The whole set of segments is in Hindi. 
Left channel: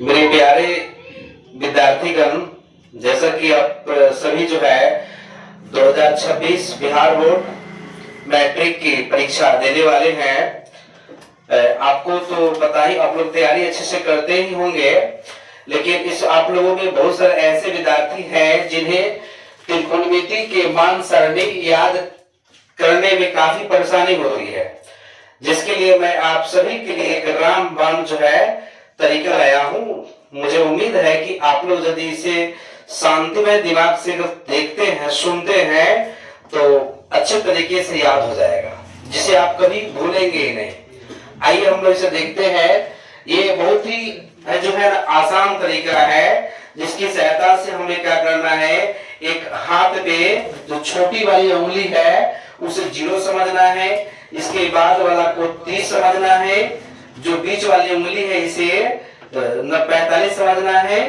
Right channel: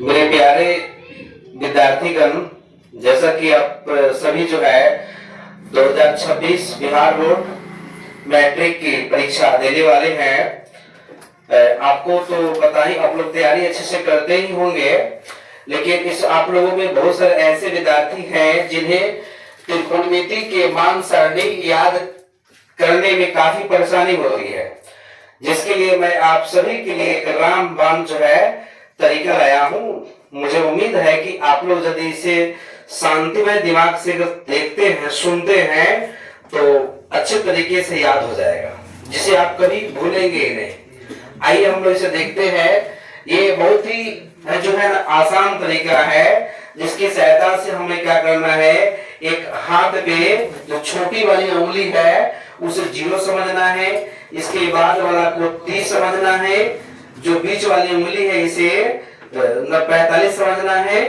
मेरे प्यारे विद्यार्थीगण, जैसा कि आप सभी जो है 2026 बिहार बोर्ड मैट्रिक की परीक्षा देने वाले हैं। आपको तो पता ही, आप लोग तैयारी अच्छे से करते ही होंगे, लेकिन इस आप लोगों में बहुत सारे ऐसे विद्यार्थी हैं जिन्हें त्रिकोणमिति के मान सारणी याद करने में काफी परेशानी होती है, जिसके लिए मैं आप सभी के लिए एक रामबाण जो है तरीका लाया हूं। मुझे उम्मीद है कि आप लोग यदि इसे शांतिमय दिमाग से देखते हैं, सुनते हैं, तो अच्छे तरीके से याद हो जाएगा, जिसे आप कभी भूलेंगे ही नहीं। आइए हम लोग इसे देखते हैं। ये बहुत ही जो है ना आसान तरीका है, जिसकी सहायता से हमें क्या करना है, एक हाथ पे जो छोटी वाली उंगली है उसे 0 समझना है, इसके बाद वाला को 30 समझना है, जो बीच वाली उंगली है इसे 45 समझना है,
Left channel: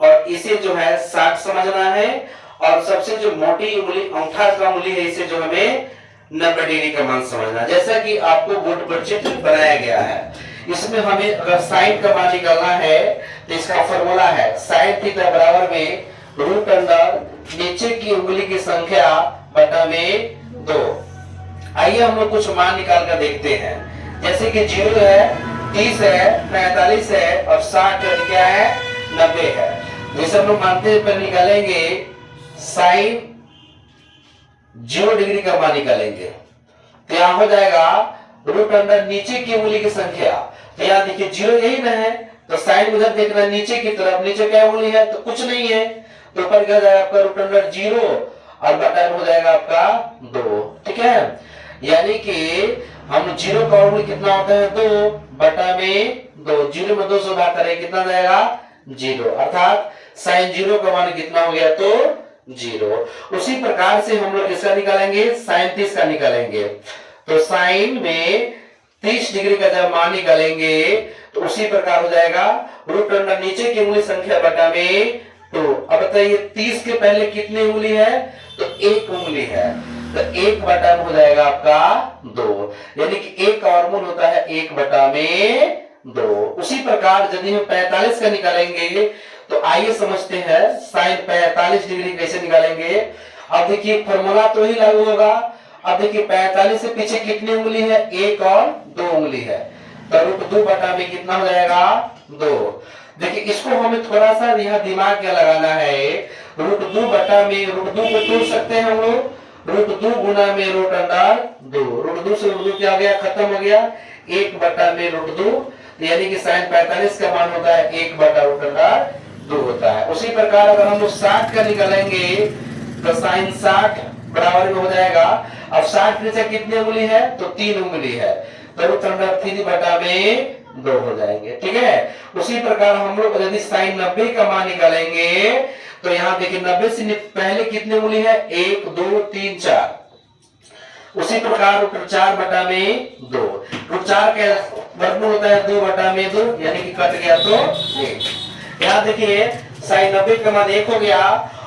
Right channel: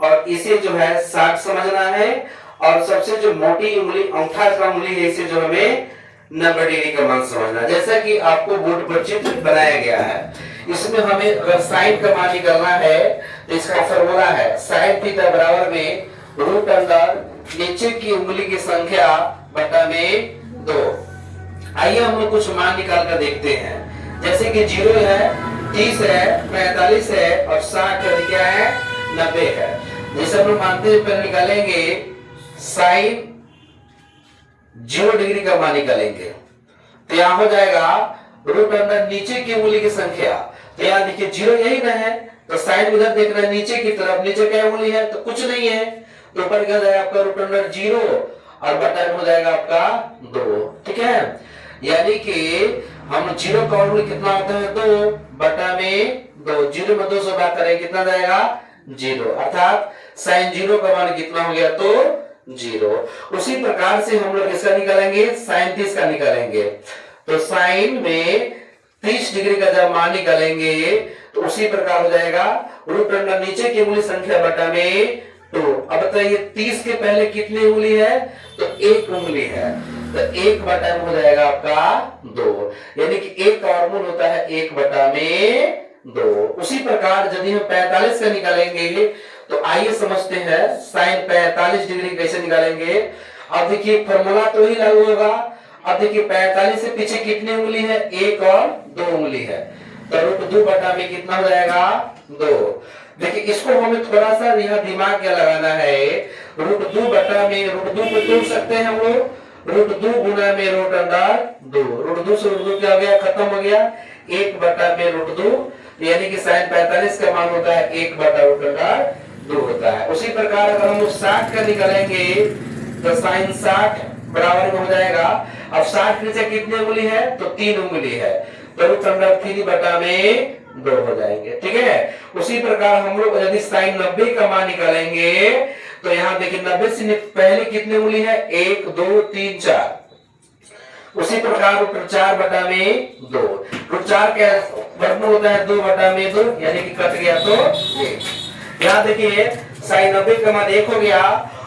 और इसे जो है 60 समझना है, और सबसे जो मोटी उंगली अंगूठा का उंगली है इसे जो हमें 90 डिग्री का मान समझना। जैसा कि आपको बोर्ड पर चित्र बनाया गया है, इसमें हमें अगर साइन का मान निकालना है तो इसका फॉर्मूला है साइन थीटा बराबर में रूट अंडर नीचे की उंगली की संख्या बटा में 2। आइए हम लोग कुछ मान निकाल कर देखते हैं। जैसे कि 0 है, 30 है, 45 है और 60 क्या है, 90 है। जैसे हम लोग मानते हैं पर निकालेंगे साइन 0 डिग्री का मान निकालेंगे, तो यहाँ हो जाएगा रूट अंडर नीचे की उंगली की संख्या। तो यहाँ देखिए 0 यही ना है, तो साइन उधर देख रहे हैं नीचे की तरफ, नीचे क्या उंगली है तो कुछ नहीं है, तो ऊपर क्या जाएगा आपका रूट अंडर 0 और बटा हो जाएगा आपका 2। ठीक है, यानी कि हम 0 का वर्गमूल कितना होता है 2 बटा में 2। 0 में 2 से भाग करें कितना जाएगा 0, अर्थात साइन 0 का मान कितना हो गया तो 0। उसी प्रकार से हम लोग इसका निकालेंगे, साइन 30 का निकालेंगे, तो साइन में 30 डिग्री का जब मान निकालेंगे तो उसी प्रकार हो जाएगा रूट अंडर नीचे की उंगली संख्या बटा में 2। अब बताइए 30 के पहले कितनी उंगली है तो 1 उंगली है, तो 1 बटा हो जाएगा आपका 2, यानी कि 1 का वर्गमूल होता है 1 बटा में 2। उसी प्रकार यदि हम 45 का निकालेंगे तो आइए समझते हैं साइन 45 डिग्री कैसे निकालेंगे। अब देखिए फॉर्मूला तो ही लागू होगा। अब देखिए 45 से पीछे कितनी उंगली है, 1 और 2 उंगली है, तो रूट 2 बटा में कितना हो जाएगा 2। देखिए इसको हमें थोड़ा सा यहाँ दिमाग क्या लगाना है, रूट 2 बटा में रूट 2 को तोड़ सकते हैं हम लोग, रूट 2 गुना में रूट अंडर 2, रूट 2 से रूट 2 क्या हो गया, खत्म हो गया, 1 बटा में रूट 2, यानी कि साइन 45 का मान होता है 1 बटा रूट अंडर 2 होता है। उसी प्रकार अगर हम लोग 60 का निकालेंगे तो साइन 60 बराबर में हो जाएगा, अब 60 नीचे कितनी उंगली है तो 3 उंगली है, तो रूट अंडर 3 बटा में 2 हो जाएंगे। ठीक है, उसी प्रकार हम लोग यदि साइन 90 का मान निकालेंगे तो यहाँ देखिए 90 से पहले कितनी उंगली है, 1 2 3 4, उसी प्रकार रूट 4 बटा में 2, रूट 4 का वर्गमूल होता है 2 बटा में 2, यानी कि कट गया तो 1। यहाँ देखिए साइन 90 का मान 1 हो गया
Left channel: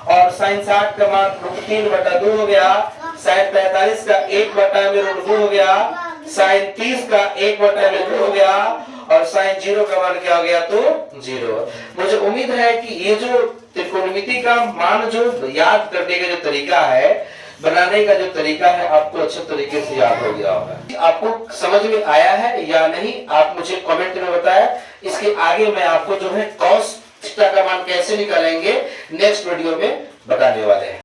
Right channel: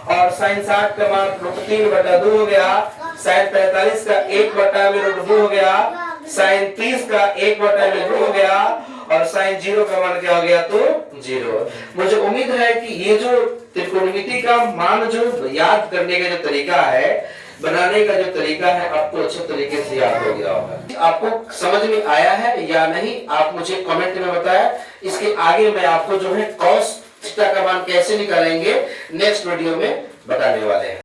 और साइन 60 का मान रूट 3 बटा 2 हो गया, साइन 45 का 1 बटा में रूट 2 हो गया, साइन 30 का 1 बटा में 2 हो गया, और साइन 0 का मान क्या हो गया तो 0। मुझे उम्मीद है कि ये जो त्रिकोणमिति का मान जो याद करने का जो तरीका है, बनाने का जो तरीका है, आपको अच्छे तरीके से याद हो गया होगा। आपको समझ में आया है या नहीं आप मुझे कमेंट में बताएं। इसके आगे मैं आपको जो है कॉस थीटा का मान कैसे निकालेंगे नेक्स्ट वीडियो में बताने वाले हैं।